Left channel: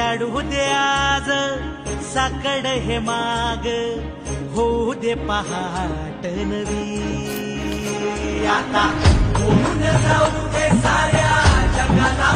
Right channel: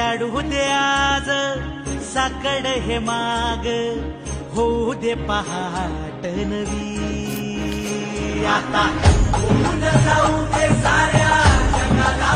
झाडू दे आज साकड हे माग, होऊ दे पहाट नवी. आता होऊन जाऊ दे साऱ्या जगाला